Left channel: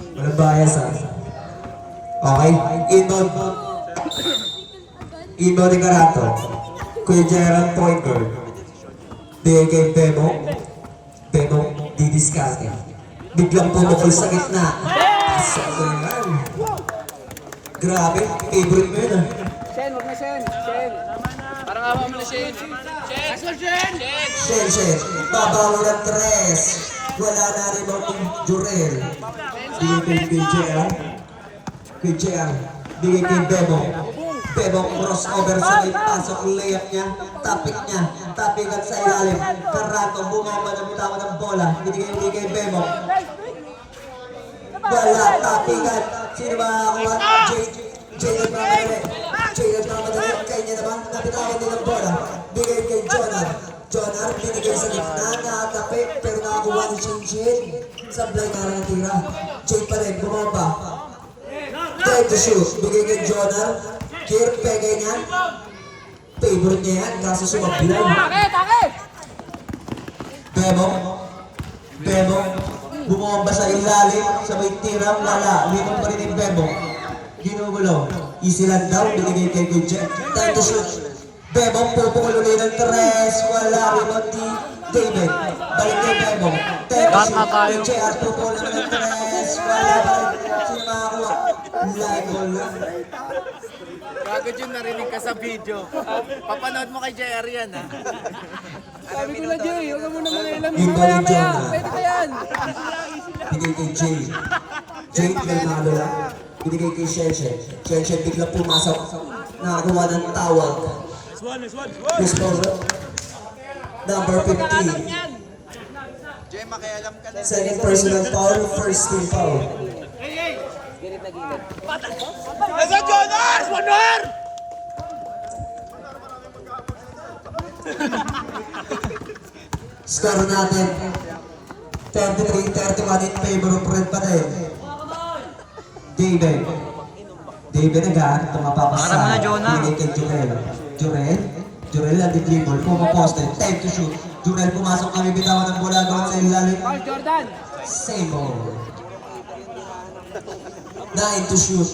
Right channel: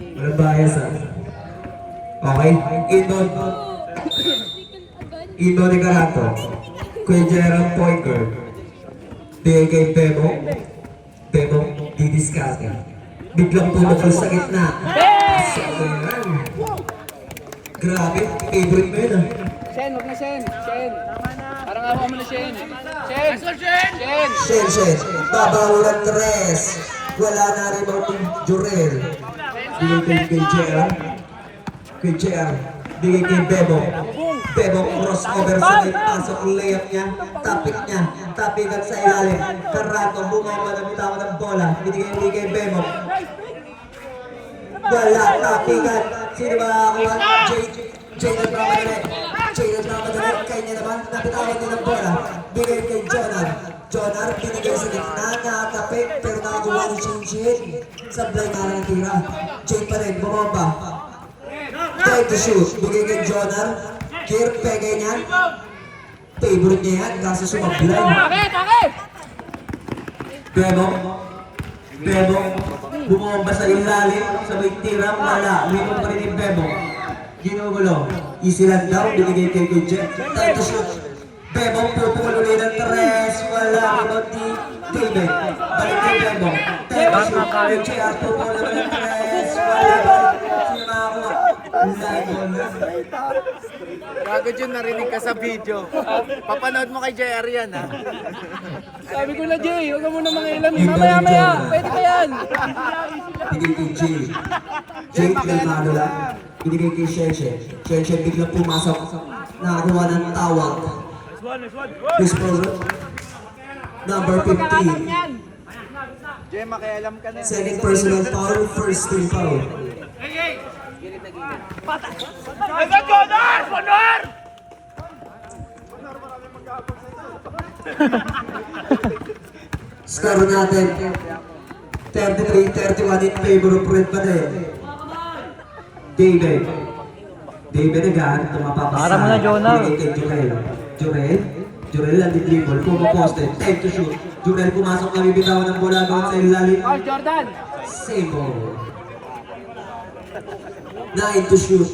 Nagbayas ha. Okay, inbound. Inbound ni Karato. Kuya Gerald Pointer. Bigay kay Bebo. Bebo, didiskarte. Biglang pumukol sa gitna. Ayan. Grabe, favorite mo yun ah. Shen, huwag na Shen. Shen. Parang awa mo na Shen. Shen. Shen. Babaw ng tres. Wala na rin ako Jurel. Bigay kay Gerald. Kay Gerald. Bigay kay Bebo. Bebo crossover sa may pasok layup niya. Tapik niya. Tapikan sa ilalim. Karato bumaba ng bitawa ng bola. Binigay kay Bebo. Wala. Tapikan. Sino ba makakuha? Jay nagmamadali. Kaya niya naman. Napitawan niya ng bola. Bigay kay Jonar. Jonar binigay sa gitna. Nakatapik. Pero nakakuha ni Shinshin. Sablay na lang tira. Jay pa rin. Bumaba. Try to shoot. Bigay kay Jonar. Kir, pegay niya. Favorite niya yan. Kaso sumablay. Bebo. Bumomba sa ilalim. Sabay tira. Wala. Winong pa rin yung Bebo. Ginugulo. Easy lang daw. Binigay kay Jet. Time to shoot. Bebo. Pupukulo na ng tres. Wala. Rebound ni David. Balik kay Bebo. Time to shoot. Jet. Pupukulo na ng tres. Wala. Sino makakuha? Like all. Gago Jun, narinig ka sa video. Papanood mo kay JR yan, ha? Sabi ko na Jay, huwag ka muna mga ilam. Mamaya. Pwede ka yan. Binigay kay Jay. Jay, pinalmado lang. Binigay kay Shenshen. Shenshen biglang pumasok. Nakakuha ng tawag. Chris Polo. Number 15. Jay, makialam ka na. Second personal foul, first team foul. Asa Jonar! Jonar! Score natin. 33-31 in favor of Red Panay. David again, tumapapasa. Para mo na, Jonar. Binigay kay Jurel lang di-dribble, pumaposte, time to shoot. Jurel pumasok na bibitawan ng bola gawin sa ilalim. Jordan. Same ball. 9 to shoot.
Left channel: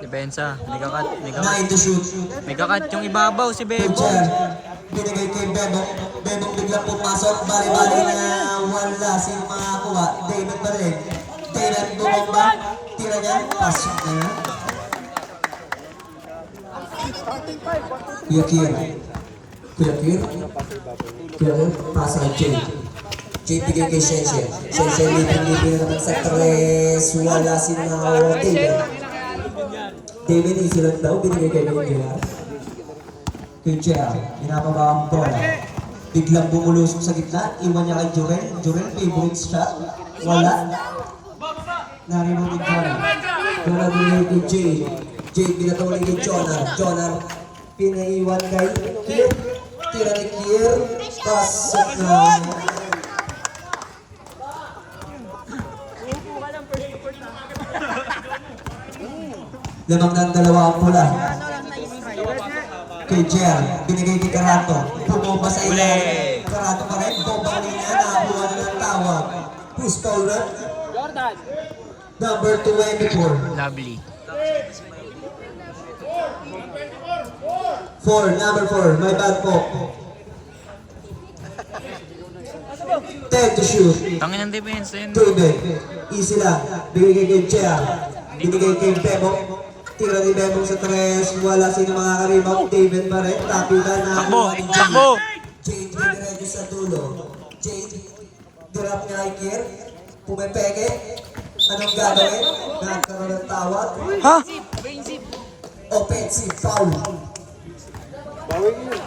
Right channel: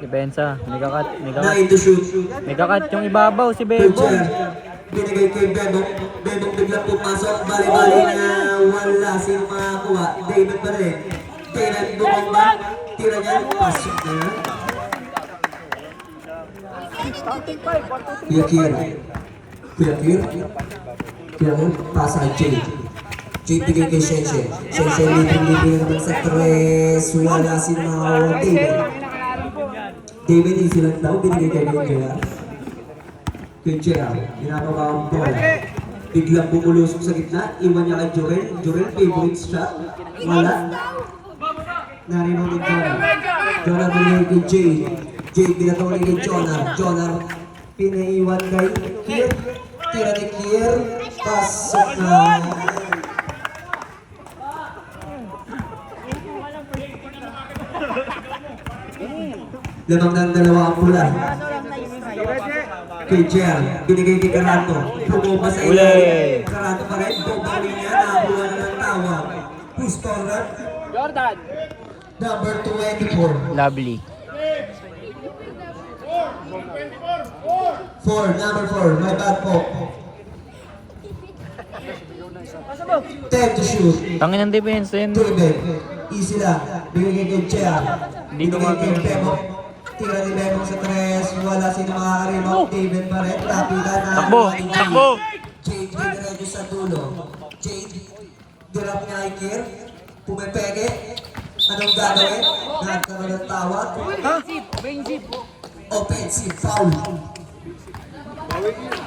Depensa, may kakat. 9 to shoot. May kakat yung ibabaw si Bebo. Binigay kay Bebo. Bebo biglang pumasok. Bali-bali na wala. Sino makakuha? David pa rin. David bumamba. Tira niya. Pasok na yan. Kuya Kir. Pasa kay Jay. Jay bigay kay Shenshen. Shenshen libre naman sa tres. Wala. Sino makakuha? David easy lang daw. Binigay kay Jay. Kuya, ginagawa ang bola. Biglang bumulusok sa gitna, iwan niya kay Jurel. Jurel, favorite shot. Wala. Narinig ni Jonar. Jonar binigay kay Jay. Jay binagawa kay Jonar. Jonar, pinaiwan kay Kier. Tira ni Kier. Pasok na. Lamang ng dalawa ang bola. Kay Jer, binigay kay Karato. Bumaba sa ilalim. Karato pa rin. Bumaba niya. Nakabuha na ng tawag. Who's taller? Jordan. Number 24. Lovely. 4. Number 4. My bad po. 10 to shoot. Tangin ng depensa yun. David. Easy lang. Binigay kay Jer. Binigay kay Bebo. Tira ni Bebo sa tres. Wala sino makakaribaw. David pa rin. Tapita na. Takbo! Jade binigay sa dulo. Jade. Dirap niya kay Kier. Pumepeke. Anong gagawin? Nagkaroon ng tawag. Ha? Offensive foul. Bawin yun.